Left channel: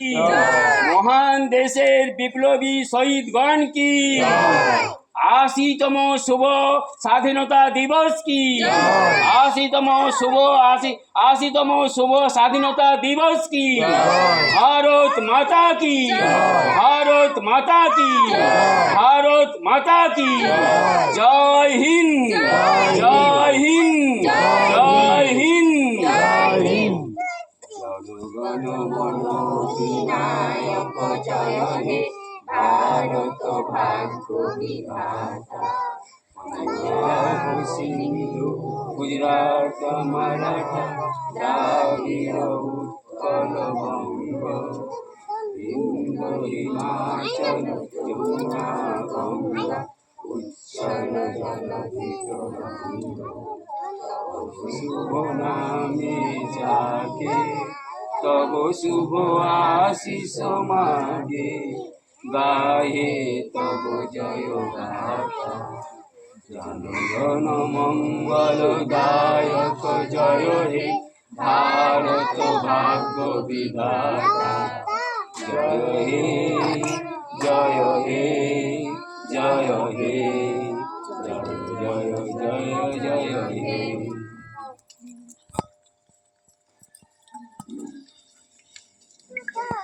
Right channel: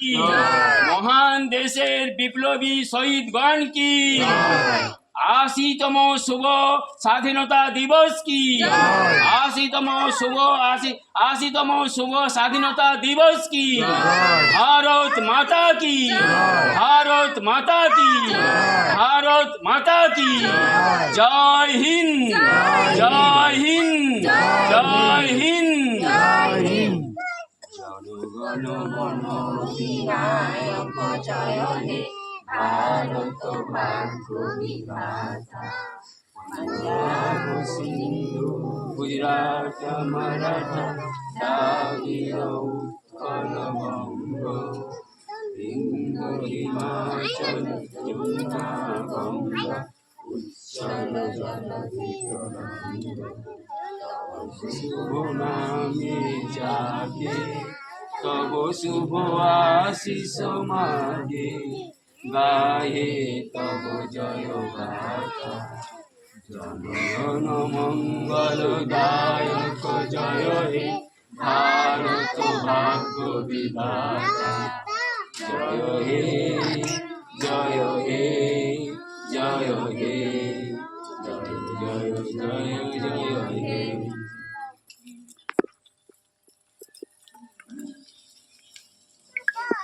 মহান দেশের বিপ্লবী শহীদগণ কি, 80তম শুভ স্বাধীনতা দিবস কি, 80তম শুভ স্বাধীনতা দিবস কি, ভারত মাতা কি, ভারত মাতা কি, ভারত মাতা কি। জয় হিন্দ, জয় হিন্দ, জয় হিন্দ। জনগণ মন অধিনায়ক জয় হে, ভারত ভাগ্য বিধাতা। পাঞ্জাব সিন্ধু গুজরাট মারাঠা দ্রাবিড় উৎকল বঙ্গ, বিন্দু হিমাচল যমুনা গঙ্গা উচ্চল জলধি তরঙ্গ। শুভ নামে জাগে তব শুভ আশিস মাগে, গায়ে তব জয় গাথা। জনগণ মঙ্গল দায়ক জয় হে, ভারত ভাগ্য বিধাতা। জয় হে, জয় হে, জয় হে, জয় জয় জয় জয় হে।